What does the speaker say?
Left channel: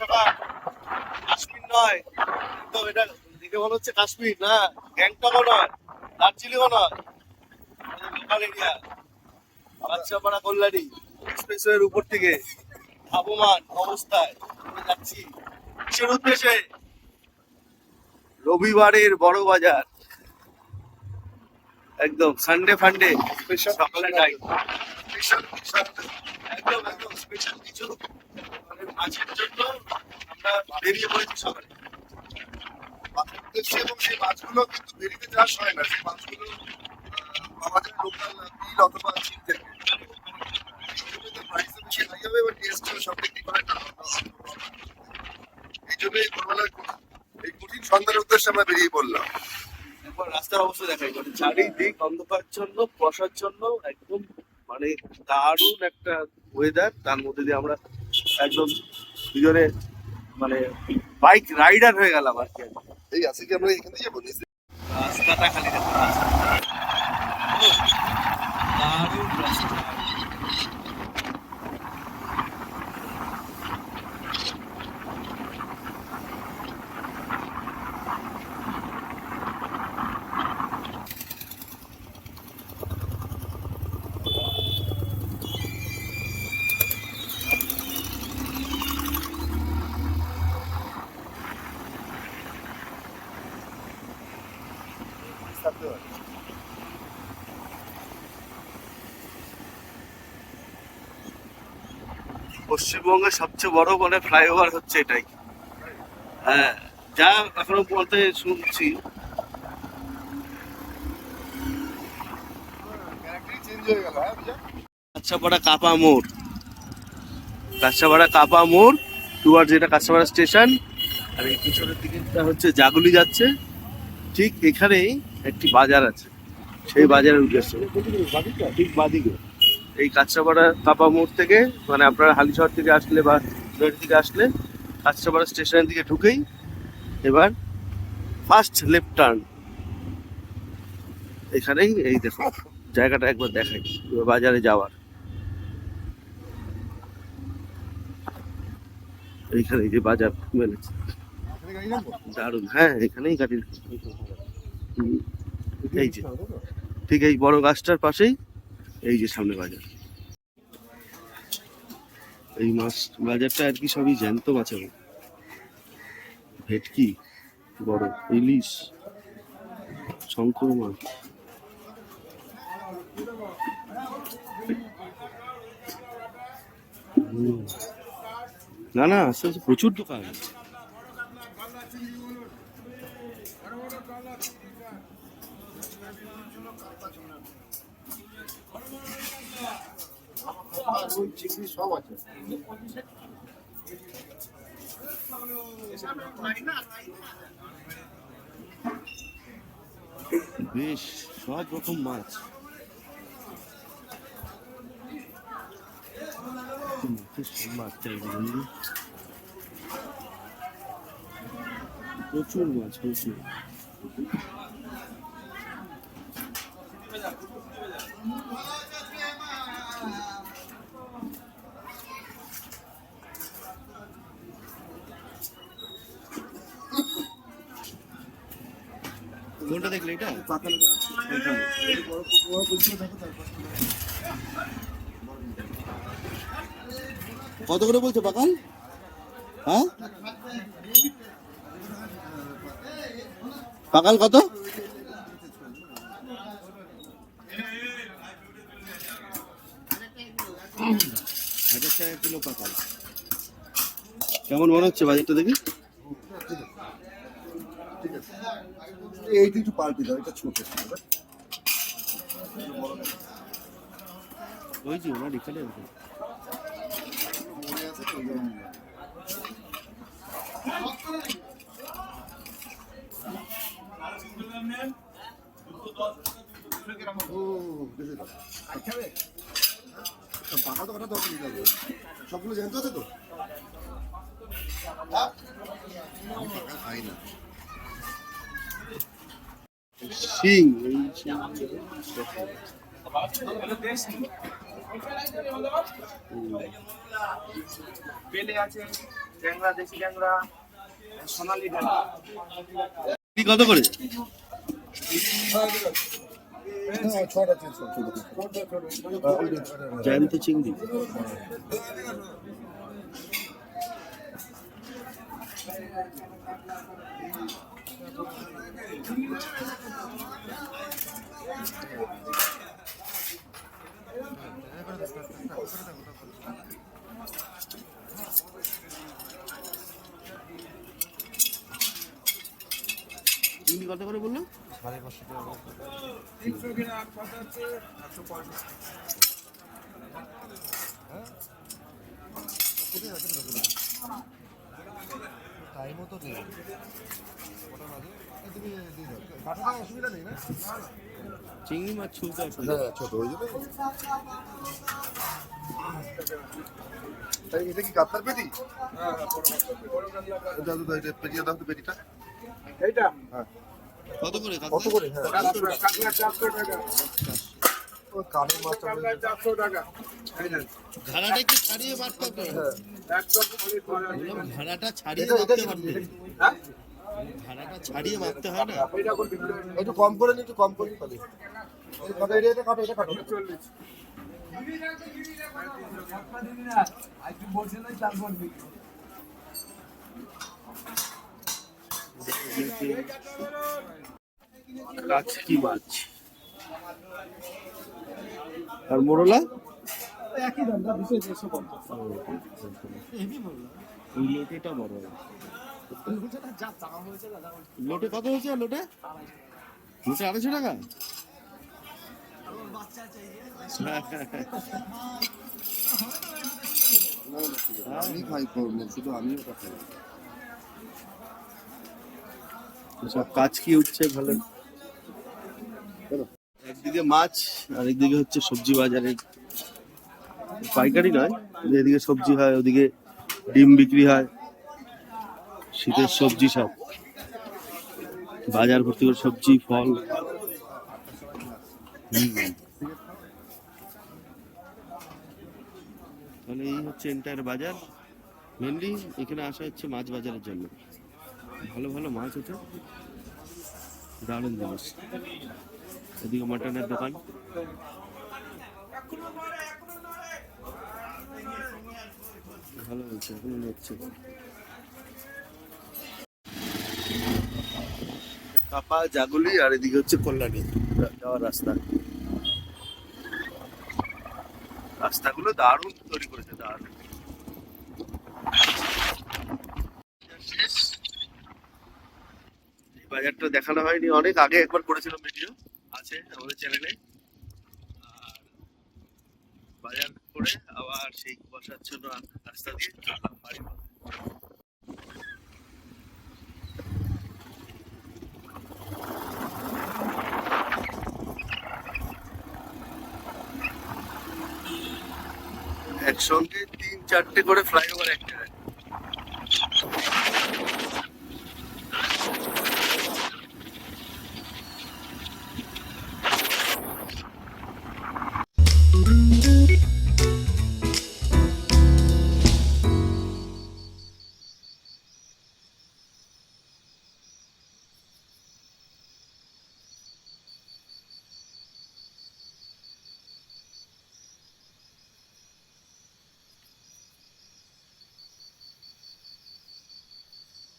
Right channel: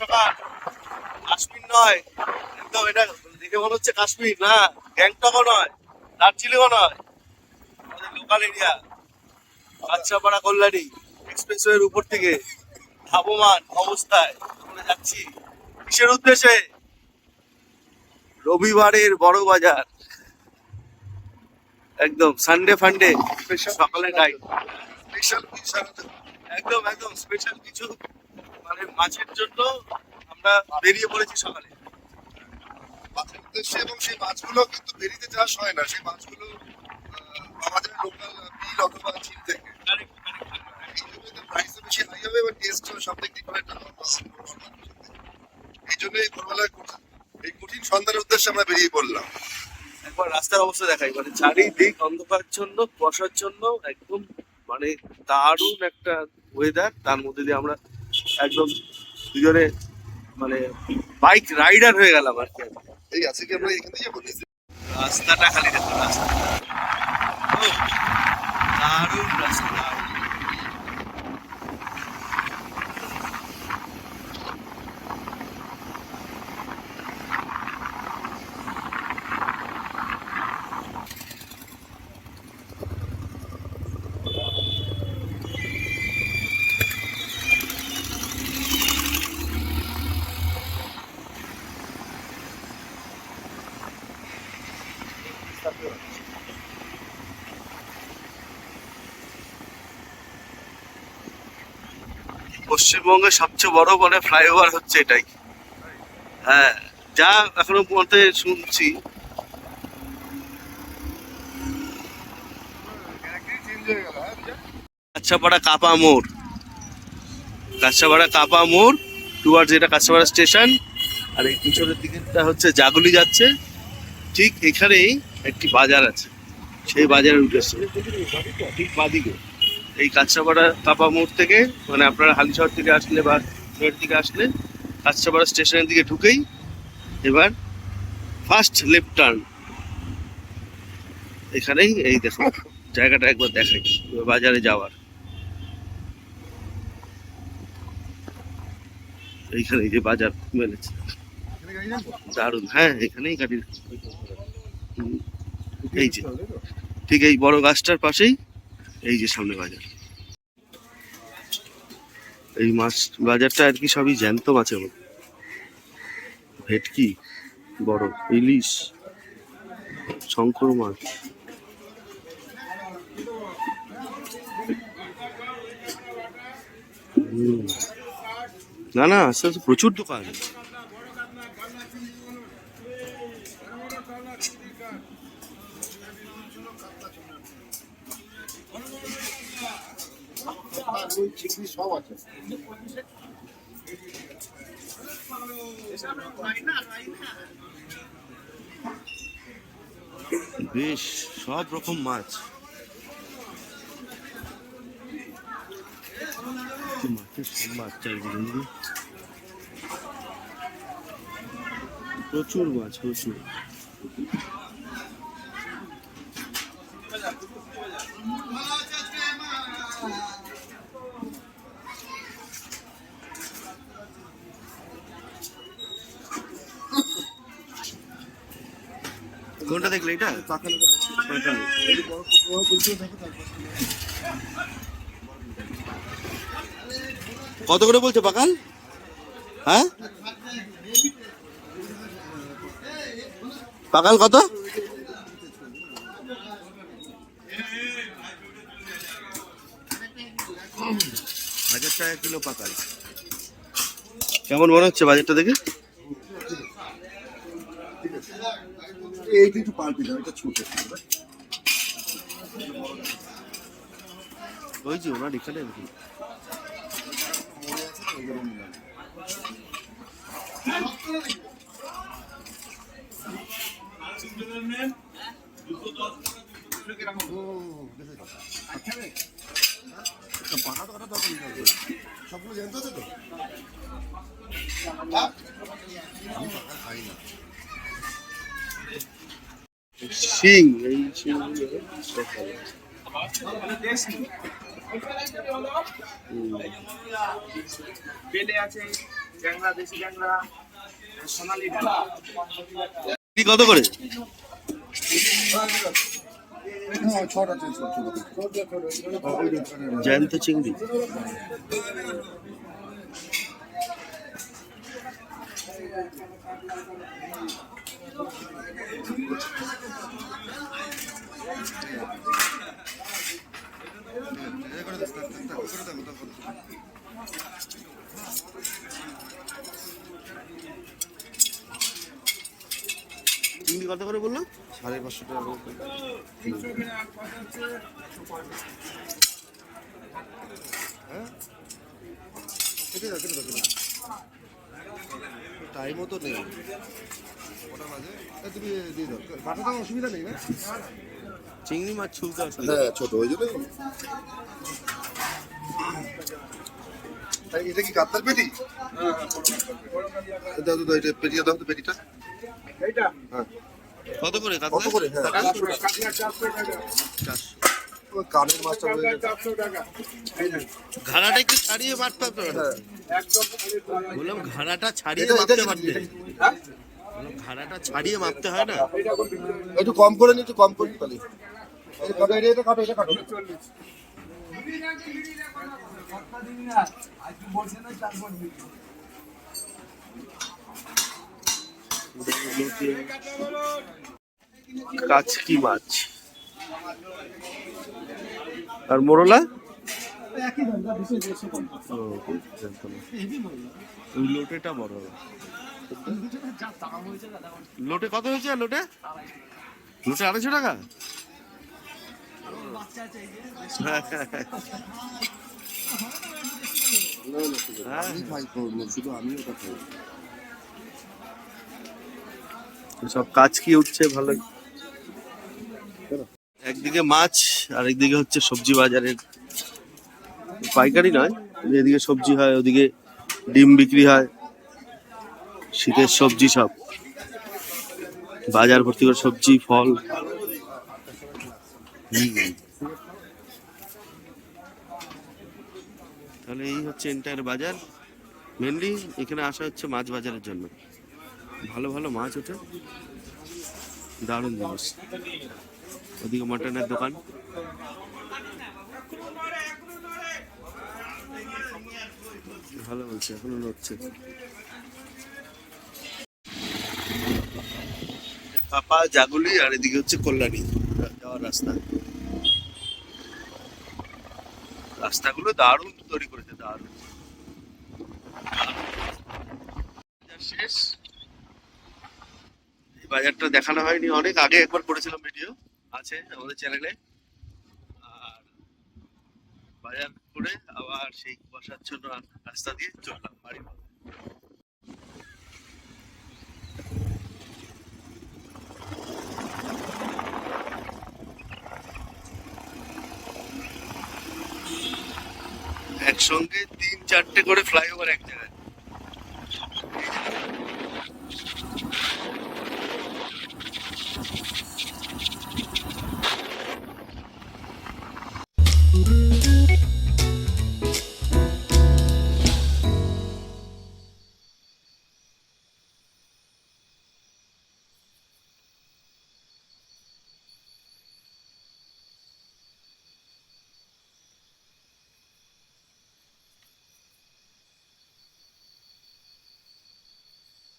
সকাল কাশ্মীর নয়। একদম এটা দেখে মনে হচ্ছে কাশ্মীর না? গ্যাংটকও নয় দার্জিলিংও নয়। লোকাল এরিয়া বাচ্চাপাড়া কল্যাণী এক্সপ্রেসওয়ের উপর থেকে ধাবমান অবস্থায় আমরা যাচ্ছি। কিসের উদ্দেশ্যে? রবিবারের বড় বাজার। একদম সানডে ফান্ডে সকালে টাইম একদম একদম। স্পেশাল কিছু মানে মাছের জন্য আমরা বেরিয়ে পড়েছি সকালে। এবং সেই মাছগুলো কিন্তু বেরিতে চাষ হয় না। সেই মাছগুলো আমাদের লোকাল বিল অথবা চিন থেকে। বেশি হাই হবে এবং টেস্টও সব থেকে এই জন্য এই ভোরবেলায় কঠিন- সন্ধানের উদ্দেশ্যে আমরা বেরিয়ে পড়লাম। একবার রাস্তার অবস্থা দেখাই মানে চারিদিক অন্ধকারচ্ছন্ন কুয়াশাচ্ছন্ন একদম মানে দারুণ একটা ওয়েদার তার মধ্যে দিয়ে আমরা একদম দুজনে মানে বাইক রাইডার হয়ে গেলাম আর কি এই আছে কি আমরা এখান থেকে রাস্তাটা খালি রাস্তা দারুণ রাস্তা। পশ্চিমবঙ্গের সবচেয়ে বড় বলে ফ্লাইওভার হচ্ছে এটাই। হ্যাঁ যা এখনও পর্যন্ত শুনছি। কাছাপাড়া কাপা মোড়। কাছাপাড়া কাপা মোড় টুয়ার্ড যেটা কাছাপাড়া স্টেশন, আর এই পিছনের দিকটা হচ্ছে জাগুলি যাচ্ছে। ঠিক এখানেই একটি বাজার আছে। সেই বাজারের উদ্দেশ্যে। ঠিক বাদিকে। এই কাছাপাড়া কাপা মোড় থেকে মানে আপনারা হালিশহর থেকে আসলে বা নদীর থেকে আসলে কাছাপাড়া স্টেশনের দিকে ঢুকেই এবার ফার্স্ট লেফট টার্ন এখানেই এই দেখো জায়গাটা একবার দেখাই বাজারে যাওয়ার। এইখানে এই যে বাজার মেলেছে। দারুণ হ্যাঁ এখানেই গাড়ি হুম, এই যে ঠিক এই বড় গাছটার পাশেই এই যে সামনে বাজার। এই মাছ বাজারটা আর কি সবই জ্যান্ত মাছের মতো। ভেটকি, বড় ইলিশ, শঙ্কর মাছ। না না, আস্তে আস্তে প্রচুর দোকান। সব বেশ সব রকম মাছ মাছের সম্ভার চারিদিকে বুঝলি? প্রচুর মাছ প্রচুর কোনটা দেখলে এটা। কত করে বলছো পাকাল হ্যাঁ? পাকাল কত? হাজার টাকা কিলো পাকাল কেমন মনে হচ্ছে বাজারটা দেখে? এইটা একটু পাল্টে দাও এটা ছোট। ওই যে ওনার এখানে? সবগুলো জানতে তো খাই না শিং এই বেলে আছে ট্যাংরা দেশি ট্যাংরা সোনালি ট্যাংরা কত করে? হ্যাঁ ছটা চেঞ্জ জ্যান্ত চিংড়ি কত করে বলল? সাড়ে পাঁচশো টাকা টাইমও তো নেই তুমি দিয়ে দাও পাঠাতে অসুবিধা নেই। না চিংড়ি মাছ ছুলতে অসুবিধা হ্যাঁ ছোট হয়ে যাবে? এটা কি কাতলার পেটি? দাও দাও এটা পেটিটা দাও তো পেটিটা। এইটা? হ্যাঁ। কত করে কত করে? হ্যাঁ। চারশো টাকা। কানের মাছটা চারশো টাকা। ঘাড়াটা একটু ছাড়িয়ে মারতে হবে হ্যাঁ। বললাম ঘাড়াটা ছাড়িয়ে এটা পারতে। হ্যাঁ? ঘাড়াটা ছাড়িয়ে মাপতে হয় না? একটু কম করে নি একটু কম করে তাহলে। কাচকি মাছ? আর মোরলা? লোটেটা বড় লোটে কত হয়েছে? লোটে? লোটে আড়াইশো টাকা? সব কাজ কি উঠছে? ভালো। একদিকে মাছ আর একদিকে হচ্ছে সবজি বাজারের। পাইকারি নয় এদিকে সবজি হয় ওদিকে ডিম বিক্রি হয়, শীতের সবজি সব। বাজার ভর্তি করে সবজি, ফল। তাহলে এই হচ্ছে এন্টায়ার বাজার। মেনলি এখানে আসা হচ্ছে মাছ বাজারের জন্য। ভালো ভালো মাছ ওঠে দারুণ জিনিস। ওদিকে মটনের দোকান। ভালো বলছে, এখনও নড়ছে। কাপা, জাগুলি, আর এদিকে হচ্ছে কল্যাণী। যাওয়ার রাস্তা। রাস্তাগুলো দারুণ তৈরি করেছে, দারুণ। শেষ। এই বাজারটা দেখানো হয়নি, অনেক আগে একবার করেছিলাম ভিডিও আছে আমাদের চ্যানেলে আর বাজার করে আবার সেই বসার জন্য রাস্তা দিয়ে চললাম, বাড়ি একসঙ্গে তিন চারটে করে ফ্লাইওভার এক